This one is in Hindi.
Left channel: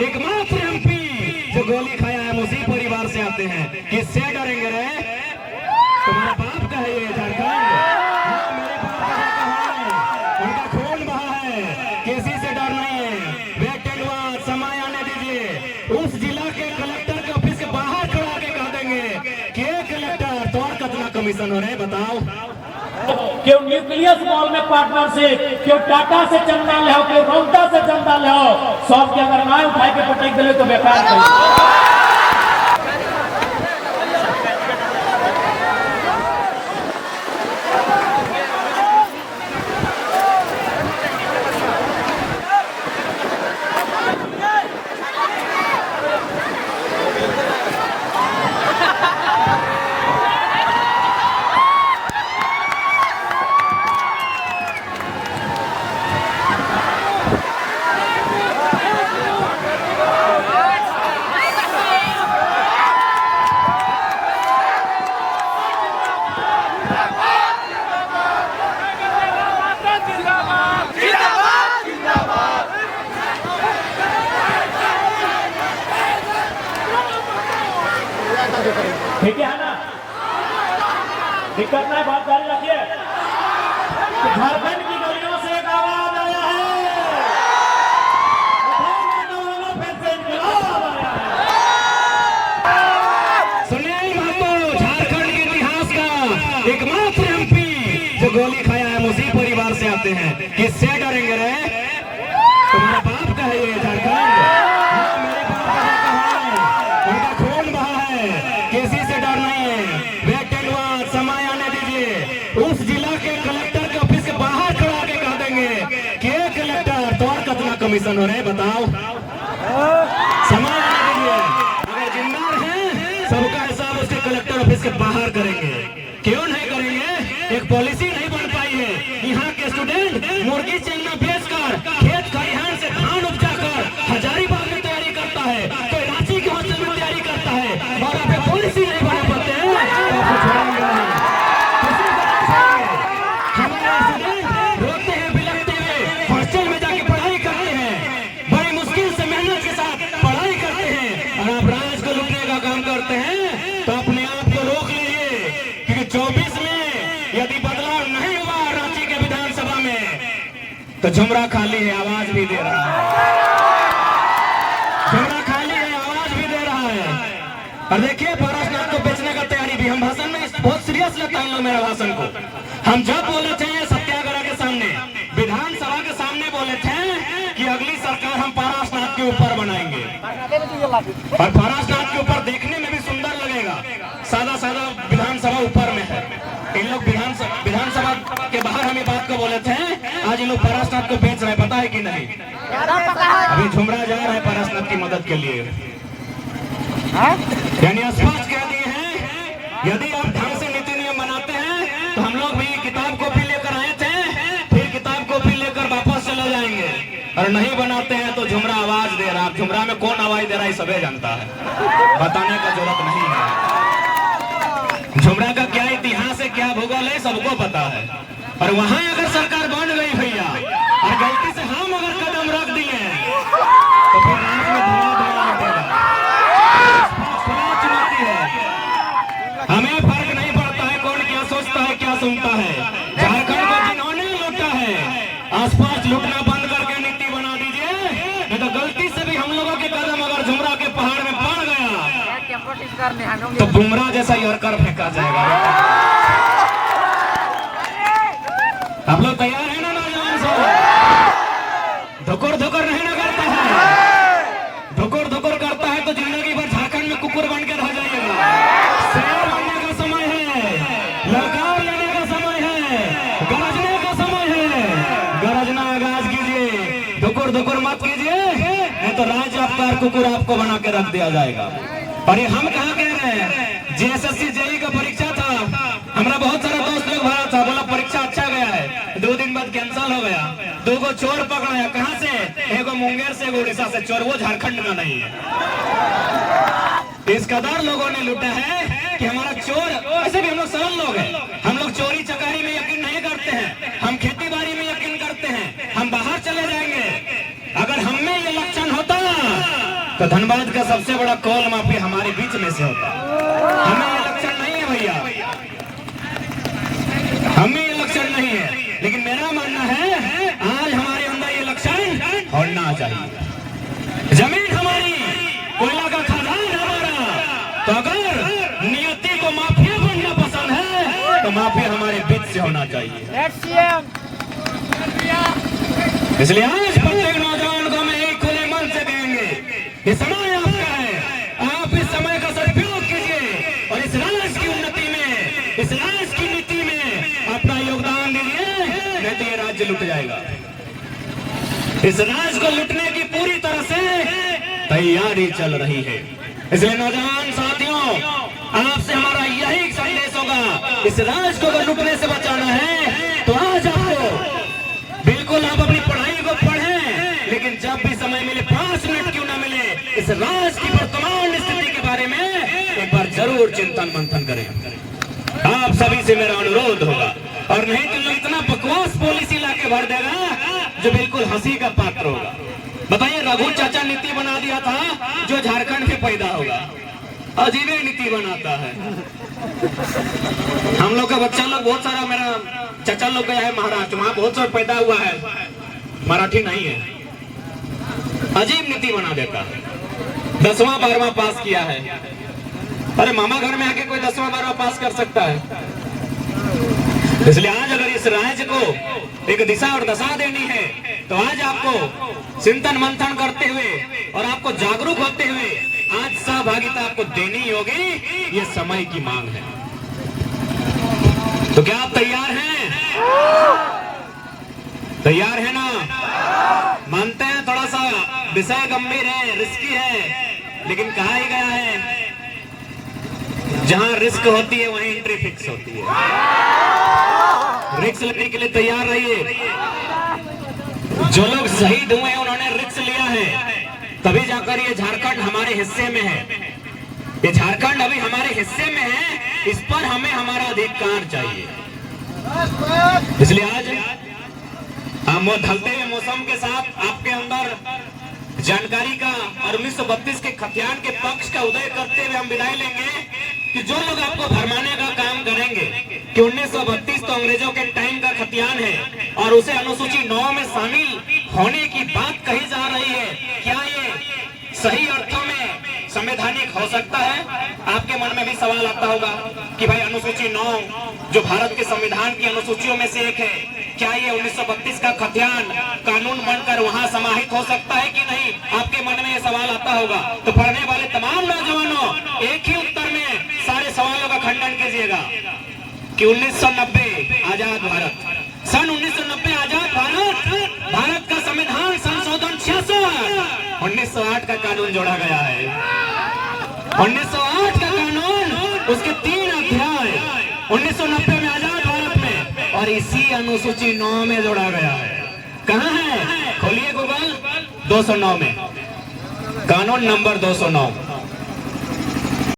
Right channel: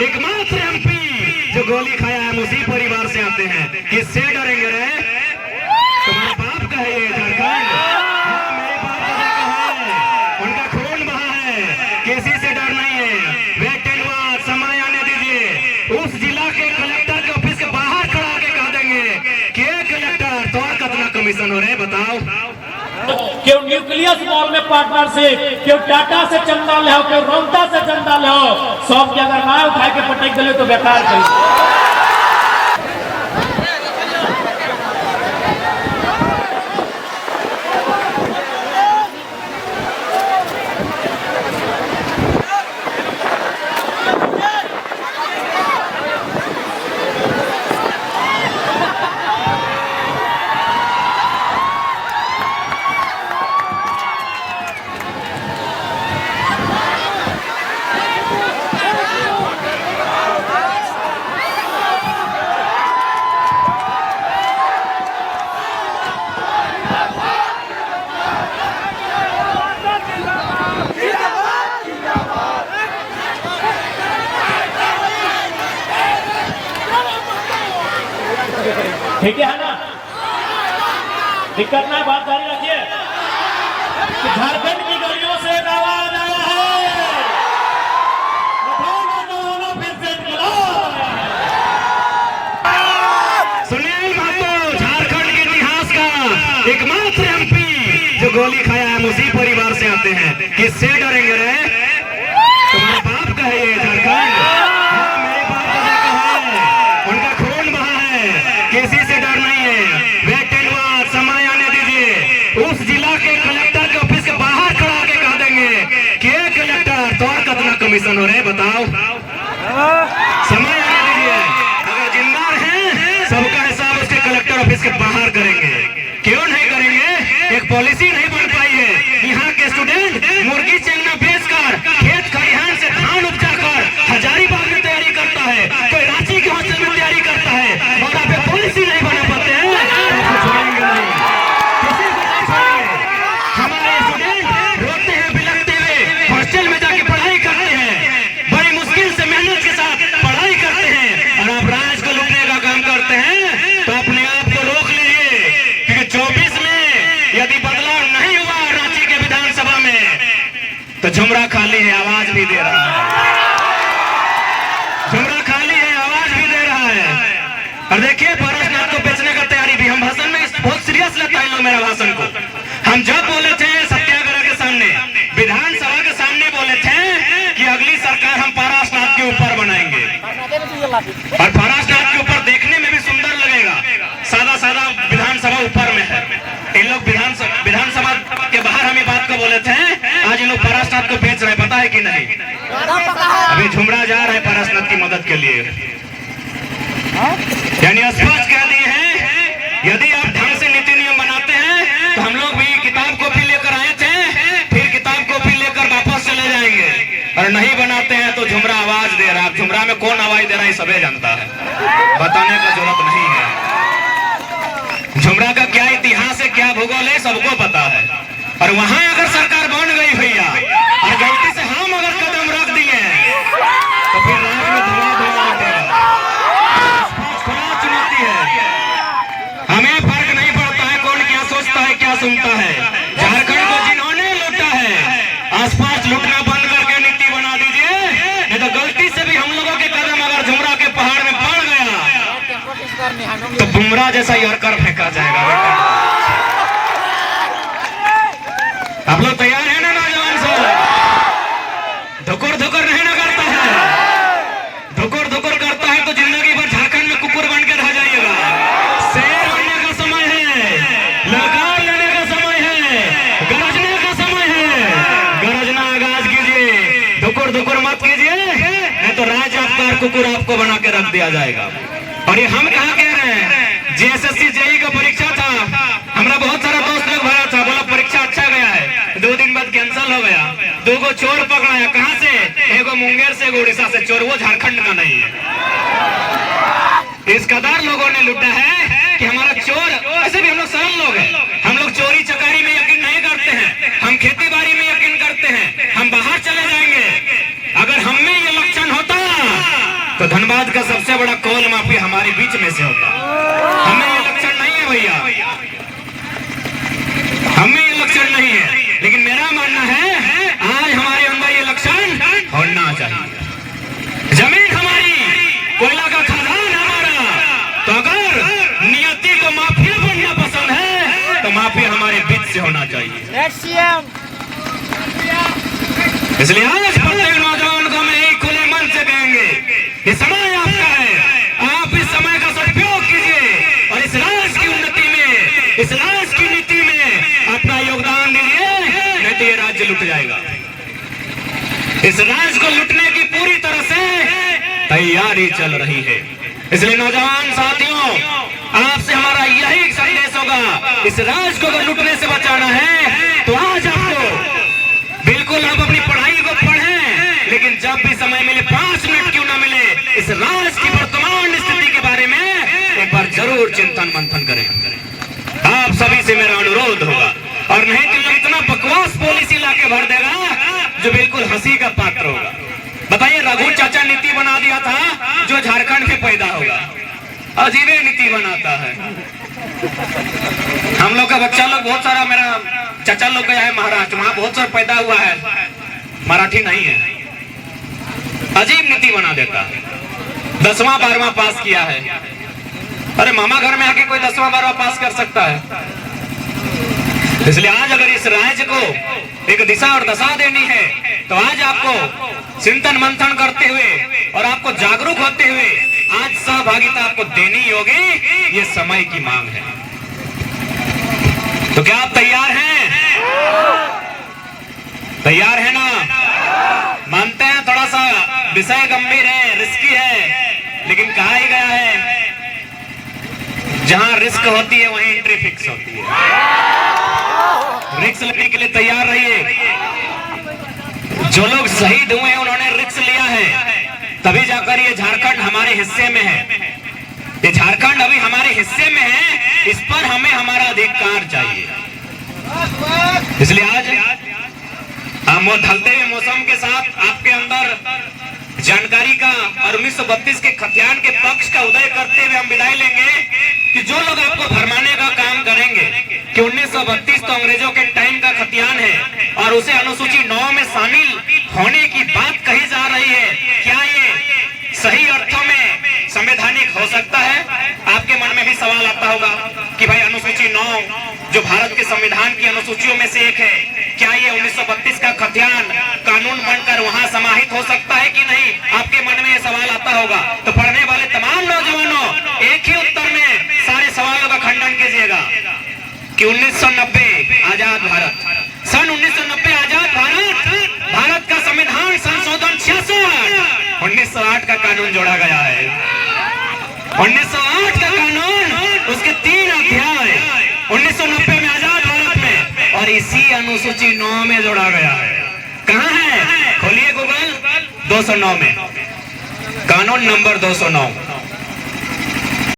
एकमात्र एमपी जो गोली खाया है उसी परिवार से आते हैं। किससे डरेंगे रे? तुम्हारे बाप का है ये झारखंड? हाँ, मेरे बाप का है, उनका खून बहा है, किसी से डर नहीं है। वेट एंड वॉच, समय आने दीजिए। उस जिला के कलेक्टर के ऑफिस के बाहर खड़ा के कह देंगे कि कलेक्टर तो और कितना कमीशन हो रहे बताओ। क्यों न्यूक्लियस मॉल में पार्टनरशिप, क्यों टाटा से चंदा ले, क्यों रोहता से चंदा ले, सब के अगर ना उठाए के पटेक दिले तो बेकार कही। ठीक है ना? दिक्कत ना, बात जारी रखिए। झारखंड की गलियों से एक आवाज आया है, फिर से इंकलाब आया है। सुनील महतो झारखंड के इतिहास का एकमात्र एमपी जो गोली खाया है उसी परिवार से आते हैं। किससे डरेंगे रे? तुम्हारे बाप का है ये झारखंड? हाँ, मेरे बाप का है, उनका खून बहा है, किसी से डर नहीं है। वेट एंड वॉच, समय आने दीजिए। उस जिला के कलेक्टर के ऑफिस के बाहर खड़ा के कह देंगे कि कलेक्टर तो और कितना कमीशन हो रहे बताओ। समय आने दीजिए। अगर जिम्मेदार हैं सबका हिसाब उसके कलेक्टर ऑफिस के बाहर करेंगे। क्यों नहीं करेंगे? एक पॉलिसी नहीं बन पाई है। यहाँ के स्टूडेंट मुर्गी चंगना बेचकर, खेत खलिहान से धान उपजा कर हजारीबाग में तैयारी करता है, कोई रांची के हॉस्टल में तैयारी करता है, और आप पॉलिसी नहीं बना पाते हैं। हमारे स्टूडेंट रोते हैं, बिलखते हुए हॉस्टल में जाके पढ़ाई करते हैं, बड़ी मुश्किल से मेहनत के साथ पढ़ाई करते हैं, और आप राज को लूटने का काम करते हैं। तो अपने आप को रोक लीजिए, क्योंकि 24 में यदि बदलाव नहीं हुआ रांची के विधानसभा में तो झुमरा खाली है, आवाज भी दे रहा है। झुमरा खाली है, आवाज भी दे रहा है। और देखिए, पारसनाथ को बेचने का तैयारी भी, हम भाषण में बहुत सीरियस लेता है लोग मेरा भाषण को। हम जब बोले थे सत्याग्रह के सामने, विधानसभा के सामने बोले थे कि अगली सरकार हम पारसनाथ के ऊपर बनाएंगे, और पारसनाथ के ऊपर देखने में भी सुंदर लगेगा। सादा सादा विधानसभा ऊपर में है। इन लोग विधानसभा के बाहर हम ये बात को बोले थे, आज इन लोग पारसनाथ को बेच रहे, पता है कि नहीं? अभी झुमरा जा रहे हैं पारसनाथ की मदद के लिए। यानी स्पष्ट कह दिए हैं, यदि आप ढंग से नीति नियम बनाते हैं तो हम लोग भी किताब कॉपी लेकर आए थे, फिर किताब कॉपी लेकर वापस चले जाएंगे। और नहीं बनाते हैं तो झुमरा आवाज दे रहा है। झुमरा में कौन आवाज दे रहा है सबे जानता है, बताने का जरूरत नहीं है। झुमरा का क्या इतिहास है, क्या भूगोल है, सबको पता है। और वहां अगर सरकार बन गई भैया, और गलती से हम अगर कदम रख दिए तो फिर रात में धुआं धुआं उठेगा। चुनौती है, हमें फर्क नहीं पड़ता है कौन क्या सोचता है, क्या सुनता है। झारखंड को जिन्होंने लूटा है, आसपास लूटना बंद करके नीति बना दीजिए, नहीं तो गलती से भी हम लोगों के कदम अगर झुमरा के पहाड़ में पड़ गया तो बुमराह जैसा यॉर्कर फेंका जाएगा। आप लोग तैयार हैं ना नौजवान सब? धुकुर धुकुर नहीं ना करता है, धुकुर धुकुर करता है तो जिंदगी भर झारखंड में कुकुर बन के रह जाइएगा। शेर होने का समय है, ललकार लेने का समय है, गरजने का समय है। गरजना आगाज कीजिए, धुकुर धुकुर मत कीजिए, नहीं तो राज्य आपका कुकुर आपको बना के रख दिया जाएगा। और ये हम कहाँ कह रहे हैं? जेएसएससी जेई का परीक्षा था, हमारा बहुत सारा दोस्त लोग भरा था, बोला परीक्षा अच्छा गया है, 2 दिन बाद कैंसिल हो गया। 2 को चोर पकड़ाया, कहां से? एगो मुंगेर से, एगो उड़ीसा से चोर, वो झारखंड का नहीं है। इस कदर लोगों ने लूटा है कि हमारा चोर, ऐसे भी हम लोग सरल लोग हैं, हम लोग चोरी चकारी में यकीन नहीं करते हैं, हम खेती बाड़ी में यकीन करते हैं, हम बाहर चले जाएंगे। अगर हम में ये लक्षण होता तो धनबाद का सबसे बड़ा कौल माफी हमारे बीच में से होता है। हमें ये लक्षण नहीं है भैया, हमें ये लक्षण नहीं है, लेकिन मेरा मानना है आज हमारे अंदर ये लक्षण होना चाहिए। जमीन हमारी, कोयला का खदान हमारा, तो अगर नियति को माफिया बनना पसंद है तो माफिया हमारे बीच से होना चाहिए। इसलिए आज प्रत्येक नौजवान को हम यही खुले मन से कहेंगे, ये समय आपका है, आप इस समय का सदुपयोग कीजिए और इस राज्य की उन्नति में, इस राज्य की नीति में अपना योगदान दीजिए, नहीं तो ये राज्य लुट जाएगा। इस राज्य को लुटने की पूरी तरह से तैयारी चल रही है। इसलिए नौजवान साथियों, आपसे हमारा यही संदेश होगा, इस राज्य को लुटने से बचाना है तो आज आपको बिल्कुल आप अपनी पढ़ाई को पढ़ें, लेकिन जब भी समय मिले 5 मिनट क्यों ना मिले, इस राज्य की वर्तमान स्थिति के बारे में एक बार जरूर चिंतन मंथन करें। आप सभी से मेरा अनुरोध होगा, और नहीं तो इतना बकवास पॉलिसी लाके भर देगा जो बिल्कुल हंसी का पात्र होगा। बताइए, रघु चाचा नीति बना दिया था जो झारखंड में पैदा होगा, अजीबे नीति बनाता है। हम लोग का बच्चा लोग बहुत सारा, मेरा चाचा लोग गया है महाराष्ट्र, वहां बहुत सारा पैदा हुआ है, मराठी नहीं है, अजीब नीति बना देता है। 10वां 12वां पास किया है, अरे मामा घर में आके कोई 10वां 12वां पास कर सकता है? इसलिए आज अगर इस राज्य को एक दिशा और दशा देनी है तो आज आपको चिंतन मंथन करते हुए और आपको जागरूक होते हुए आज सहभागिता आपको देनी होगी, ये समय की मांग है। तो क्या आप तैयार हैं? तैयार है ना? मानते हैं थोड़ा सा विषय गंभीर है, रिस्की है, लेकिन कहा ही गया है जहां रिस्क होती है वहीं एंट्री फिक्स होती है। रिस्क लेने के लिए तैयार रहिए। जो लोग शहीद हुए हैं उन्होंने रिस्क लिया है, तभी जाकर ये झारखंड हमारे हिस्से में है। ये झारखंड अभी हमारे हिस्से में है, इस पर हमें हमारा अधिकार चाहिए। इसलिए आज हम ढलते हुए मौसम के साथ आपके अंदर जानकारी का और 1932 के खतियान के पक्ष का उदय करते हुए हम विदाई लेंगे कि जो लोग आपको भरमाने का काम करेंगे कि 1932 तो अंग्रेजों के टाइम का खतियान है और उसे अनुसूची 9 में शामिल होने की बात कही जा रही है, क्या ये सही अर्थों में संवैधानिक हो सकता है? आपके मन में भी सवाल आता होगा कि भाई अनुसूची 9 जो भारत के संविधान की अनुसूचियों में से एक है, क्या ये 1932 का खतियान कानून बनकर वहां समाहित हो सकता है कि नहीं? आपके मन में ये सवाल आता होगा। तो पढ़ने वाले तमाम नौजवानों, एक ही उत्तर में सारे सवालों का खंडन कीजिएगा कि 1990 आजाद भारत, सन 1990 आजाद भारत, भारत का संविधान संशोधन 66 1908 का कानून जोड़ा गया है। 1908 का कानून, उसके 3 अध्याय 1990 में आजाद भारत में और इसी अनुसूची 9 में जोड़ा गया है। कहाँ है? खोलिए गूगल, 209 में, कानून नंबर 209।